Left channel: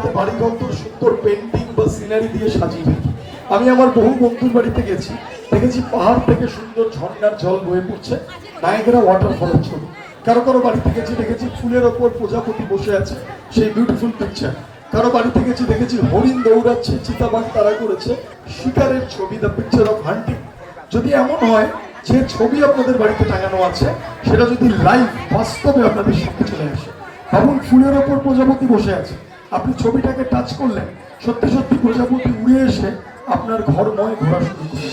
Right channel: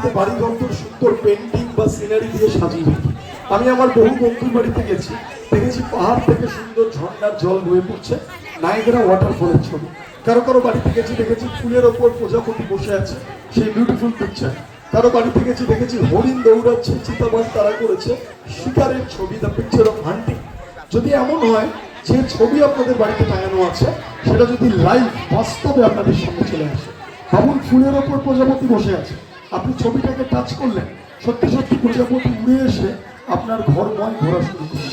আমাদের বাড়িঘর তো সুন্দর পেন্টিং বা সিনারি দিয়ে সাজিয়ে দিই। আমি আমার বহু বন্ধুর বাড়িতে গেছি, দেখেছি পাহাড় থেকে সুন্দর ঝর্ণার জল বয়ে পড়ছে, নায়াগ্রা ওয়াটারফলের ছবি। কারো কারো বাড়িতে গেছি, দেখেছি ফুলের ওপর প্রজাপতি বসে আছে, সেই বিউটিফুল পিকচার। কারো বাড়িতে গেছি, দেখেছি হরিণ দৌড়াচ্ছে, চিতাবাঘ তাড়া করেছে, শিকারের ছবি, দ্য পিকচার অফ হান্টিং। যদি এমন হয় যে ছবি আপনাদের বাড়িতে টাঙানো আছে সেটা যদি লাইভ বাস্তবে আপনাদের সামনে চলে আসে, ভাবুন ফুলের ওপর প্রজাপতি বসে আছে, আপনি ছবিটাকে টাচ করলেন, সত্যি সত্যি প্রজাপতি উড়ে এসে আপনার ঘর নয় ঘোরা শুরু করবে।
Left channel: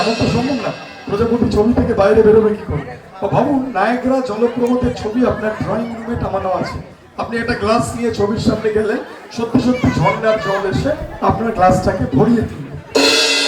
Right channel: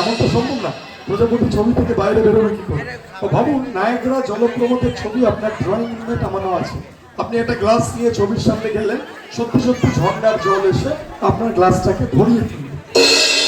এমন তো সম্ভব না, প্রজাপতি ছবি থেকে বাইরে বেরোবে কি করে? তো ভাবুন নায়াগ্রা জলপ্রপাতের ছবি আপনার ড্রয়িং রুমে টাঙানো আছে, আপনি একটা গ্লাস নিয়ে ছবির সামনে গেলেন, সত্যি সত্যি ঝর্ণার জল এসে আপনার গ্লাসটাকে ভরিয়ে তুলবে।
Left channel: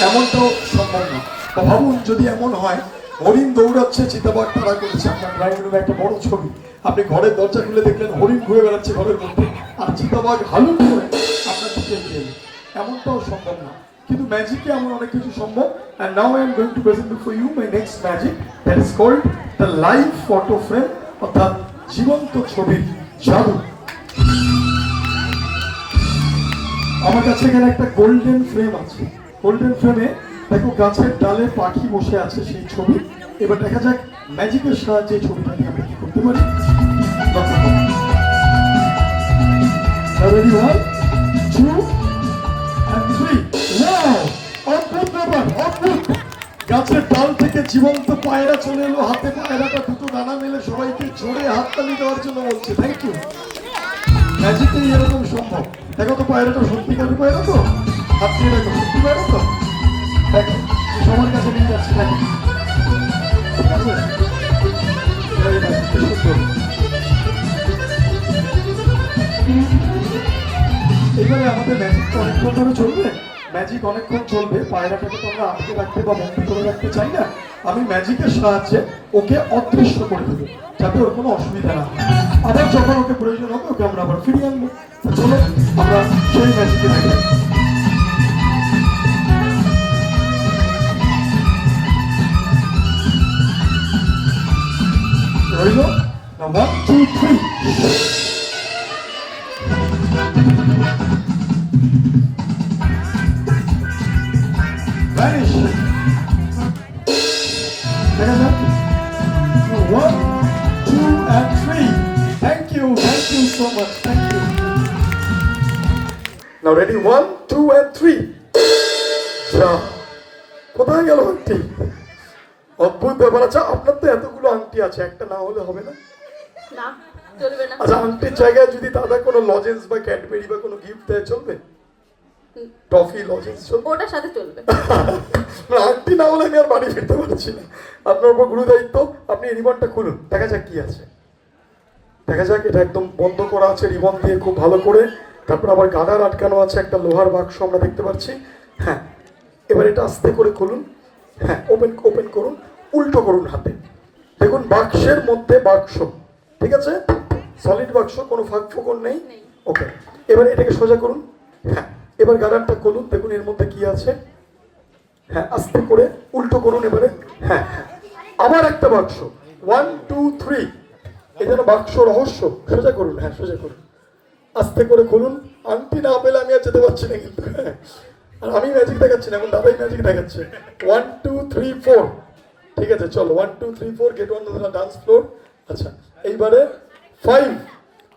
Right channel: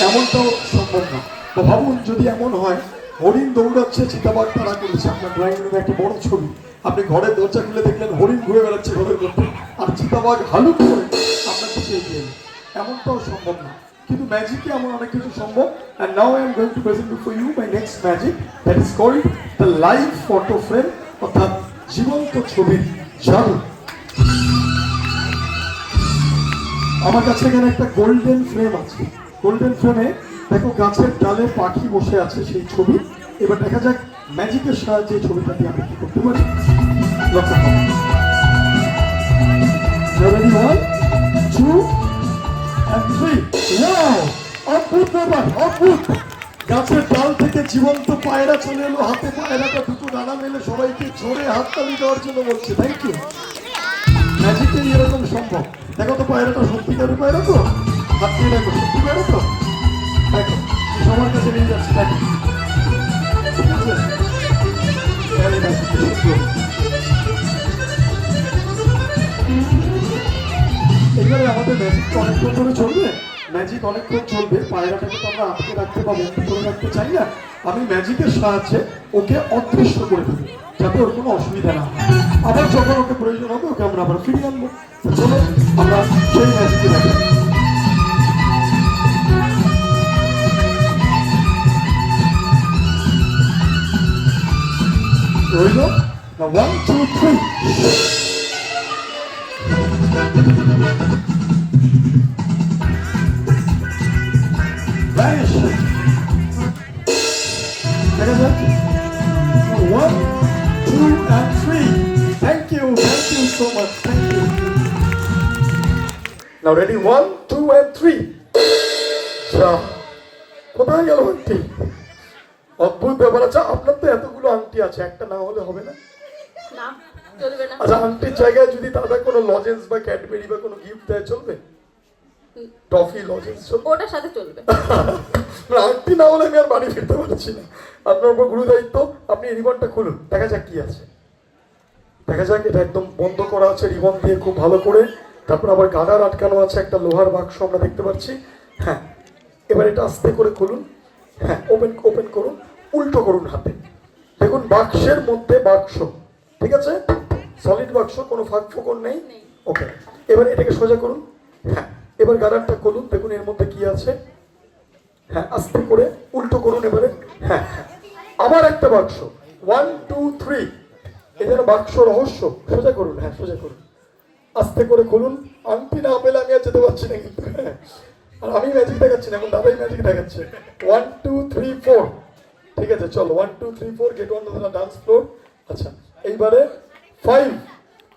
এমনটাও সম্ভব না। তো ভাবুন যদি এমন হয় হরিণ দৌড়াচ্ছে, চিতাবাঘ তাড়া করেছে, আপনার ড্রয়িং রুমে একটা বড় ছবি, আপনি ঘরের দরজা খুলে দেখলেন হরিণ ঘুরে বেড়াচ্ছে ঘরের মধ্যে, আর চিতাবাঘ হালুক করে আপনার দিকে এগিয়ে এলো। এমনটাও সম্ভব না, কিন্তু ম্যাজিকে এমন অনেক কিছু সম্ভব। and now I am going to present before you my next magic, that is called the live photo frame, অর্থাৎ জীবন্ত ছবির জাদু। আমার কাছে এখানে একটা গোল্ডেন ফ্রেম আছে। গোল্ডেন ফ্রেমে দেখো গাছের ডালে পাখি বসে আছে, সেই ছবি। এবার দেখা যাক ম্যাজিকের সাহায্যে ছবিটাকে আমি কি করতে পারি। Ready, 1, 2 and 3. Wow! অদ্ভুত ব্যাপার, অদ্ভুত। গাছের ডাল থেকে জীবন্ত পায়রা চলে এলো, হাতে পায়রাটা দুটো দানা মেলে সবাইকে জোরে হাততালি দেওয়ার জন্য বলছে থ্যাংক ইউ। ম্যাজিকে এরকম সম্ভব। দেখো তো পায়রাটা সত্যিকারের পায়রা তো, হাত দিয়ে রাখো, সত্যি পায়রা তো। দেখো সবার কাছে নিয়ে যাচ্ছি, দেখো ঠিক আছে। এইবারে আমাদের ম্যাজিক অনেকক্ষণ ধরে চলবে, ম্যাজিক অনেকক্ষণ চলবে, পায়রাটাকে তো আমরা আটকে রাখতে বা বন্ধ করে রাখতে চাই না। আমি ম্যাজিকের সাহায্যে ওকে অদৃশ্য করে দেবো, যাতে ওর কোনো অসুবিধা না হয়। আবার যখন ওকে প্রয়োজন হবে ওকে আমরা আবার ফিরিয়ে আনবো। চলো আমরা সেই ম্যাজিকে দেখি। রইল 1, 2, 3। Vanish. দেখা যাক 1, 2 and 3. Thank you so much, thank you. Now ready, 1, 2 and 3. যা কোথায় গেল আংটি? অদ্ভুত ব্যাপার। আচ্ছা আপনার তো এতগুলো আংটি আছে, একটা না হলে হবে না? আচ্ছা আংটির জায়গায় যদি দাদা কোনো লজেন্স বা ক্যাডবেরি বা কোনো গিফট দেয় চলবে? টফি লজেন্স চলবে? ওটার সাথে চলবে। আংটি না হলে আমি আর বাড়ি ফিরতে পারছি না। আপনার উপর গুরু দায়িত্ব, আপনি রিবনটা খুলুন, দেখা যাক কি আছে। দেখা যাক, এটা একদম বন্ধ করা আছে রিবন দিয়ে খুব ভালো করে। তারপর আবার গার্ডার আটকানো আছে, একটা লোহার বাক্স আমরা দেখতে পাচ্ছি। হ্যাঁ এবার এটা আস্তে করে খুলুন। হ্যাঁ ওপেন করুন, উল্টো করুন হাতে। দেখুন বাক্সের মধ্যে বাক্স, ঠিক আছে, সলিড বাক্স, কোনো ফাঁক ফোকর নেই। ওকে এবার এটাকে সোজা করুন। হ্যাঁ এবার গার্ডারটা খুলুন, দেখুন এর মধ্যে কি আছে। হ্যাঁ আস্তে করে উল্টো করুন এবারে। হ্যাঁ আবার একটা বাক্স, 1, 2, 3। এই যেন বাক্স রহস্য। সোজা করুন, হ্যাঁ সোজা করুন, আস্তে করে খুলুন। আংটি না পেলে আমি আর যেতে পারছি না কিন্তু। হ্যাঁ আর আমি ম্যাজিক দেখাচ্ছি না, এখন দাদাই ম্যাজিক দেখাচ্ছে। 1, 2, 3, 4। ঠিক আছে চলো, 1, 2, 3, 4 get on the dance floor. আচ্ছা এইবারে 5,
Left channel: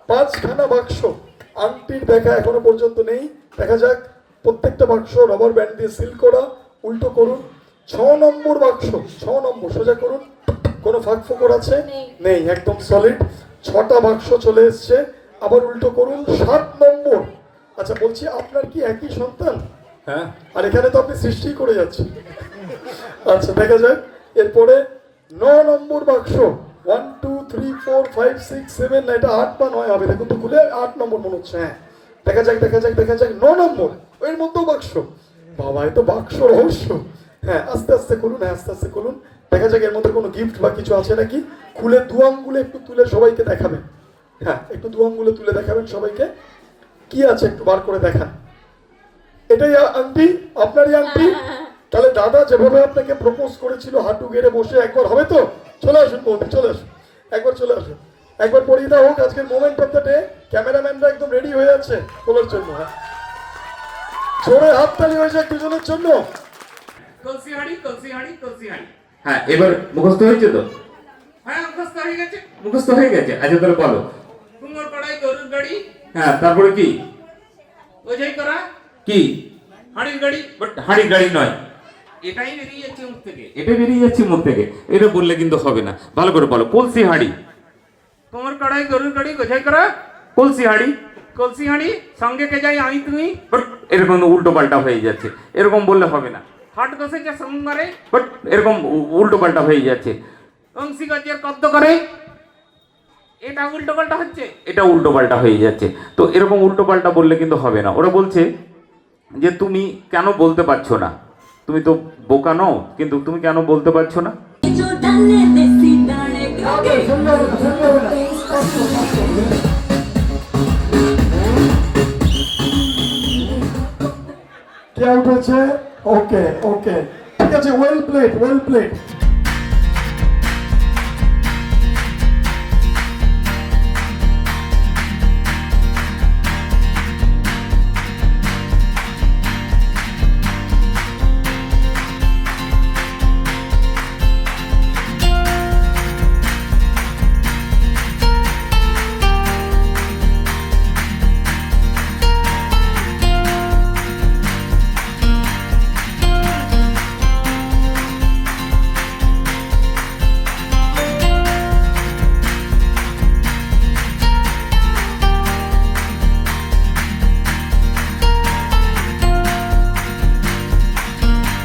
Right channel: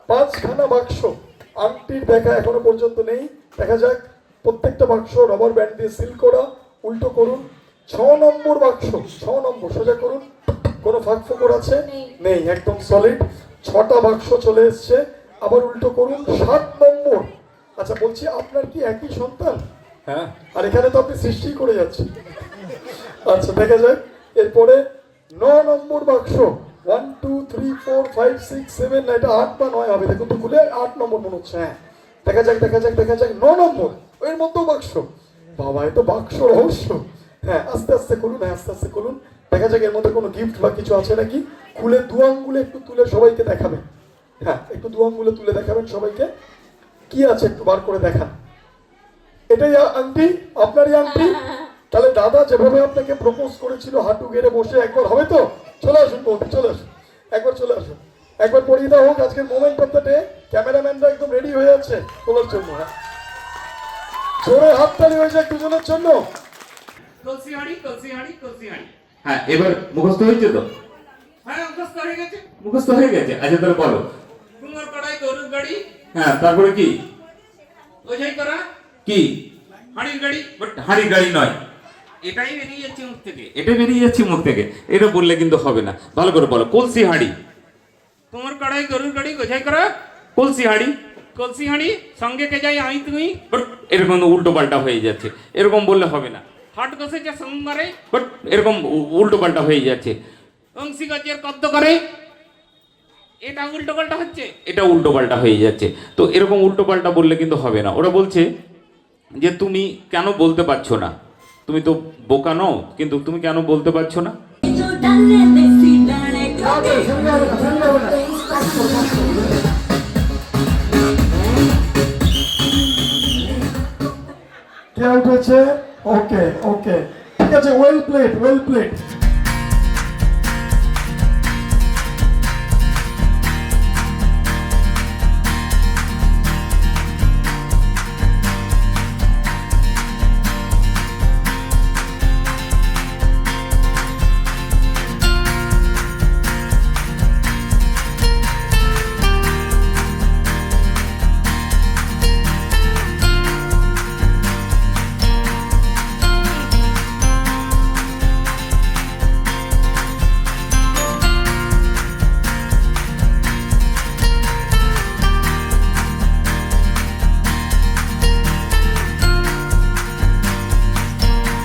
5খানা বাক্স। আংটির দেখা এখনো পর্যন্ত নেই, দেখা যাক। প্রত্যেকটা বাক্স রাবার ব্যান্ড দিয়ে সিল করা। উল্টো করুন। 6 নম্বর বাক্স, 6 নম্বর, সোজা করুন। কোনো ফাঁক ফোকর আছে? নেই, একদম সলিড। 6টা বাক্স চলে এসছে। আবার উল্টো করুন। 7 নম্বর। আচ্ছা বলছি আপনার কি একই সন্তান? হ্যাঁ। আর এখানে তো আপনি সৃষ্টি করে যাচ্ছেন। আচ্ছা দেখা যাক। এরপরে 9 নম্বর বাক্স, 1, 2, 3, 4, 5, 6, 7, না এটা 8 বা 9 হবে, দেখুন তো খুলে 8 নম্বর মনে হচ্ছে। হ্যাঁ দেখা যাক 9 নম্বর, এর মধ্যেও বাক্স। বাবা এ তো বাক্স রহস্য। হ্যাঁ আস্তে আস্তে খুলুন, হ্যাঁ আস্তে আস্তে খুলুন, দেখা যাক এর মধ্যে কোনো গিফট বা কিছু আছে নাকি। খুলে দু আঙ্গুলে একটু তুলে সবাইকে দেখাবেন। হ্যাঁ একটু দু আঙ্গুলে তুলে দেখাবেন সবাইকে, কি আছে একটু বার করে দেখান। এটাই আংটি, আপনারই আংটি। তাহলে দাদা যেভাবে আপনাকে প্রপোজ করেছিল হাঁটু গেড়ে বসে, একবার হবে তো? চলে আসুন বৌদি, চলে আসুন, একবার চলে আসুন, একবার পরিয়ে দেওয়া হোক আজকের মোমেন্ট অফ দ্য ডে। ক্যামেরাম্যানরা একদম রেডি হয়ে আছে তোলার জন্য। জোরে হাততালি হয়েছে দুজনের জন্য। কলসি হাঁড়ি কলসি হাঁড়ি কলসি হাঁড়ি। হ্যাঁ, এবার মুখস্থ হয়েছে তো? হ্যাঁ মুখস্থ হয়ে গেছে। মুখস্থ হয়ে গেছে, আচ্ছা তাহলে বলো। কুমোর কড়াই গরুর গাড়ি। হ্যাঁ, তারপরে কি? ওঝাই করা কি? হাঁড়ির গাড়ি। বাট হাঁড়ির গাড়ি নয়, এটাই বেরিয়ে যাচ্ছে মুখ থেকে। এটা বেরিয়ে যাচ্ছে মুখ থেকে, এটা বললে কিন্তু হবে না। ভালো করে বলো, কলসি হাঁড়ি। কুমোর কড়াই গরুর গাড়ি গোঝাই করা কলসি হাঁড়ি। কলসি হাঁড়ি সঙ্গে কে যাই আমি তুমি। বাট এরকম উল্টো পাল্টা হয়ে যাচ্ছে, এরকম বললে হবে না। হাট বসেছে সোমবারে। বাট এরকম উল্টো পাল্টা হয়ে যাচ্ছে, অংশী গজের কদ্দ করে। এটা উল্টো পাল্টা হচ্ছে। এটা উল্টো পাল্টা হয়ে যাচ্ছে। তো এরকম উল্টো পাল্টা বললে কিন্তু হবে না। ওরা বলছে যে তুমি কেন বলতে পারছো না, তুমি তো বোকা নও, কিন্তু তুমি কেন বলতে পারছো না? কে উঠেছে? ওকে ওকে, ঠিক আছে, ওয়েল প্লেড ওয়েল প্লেড।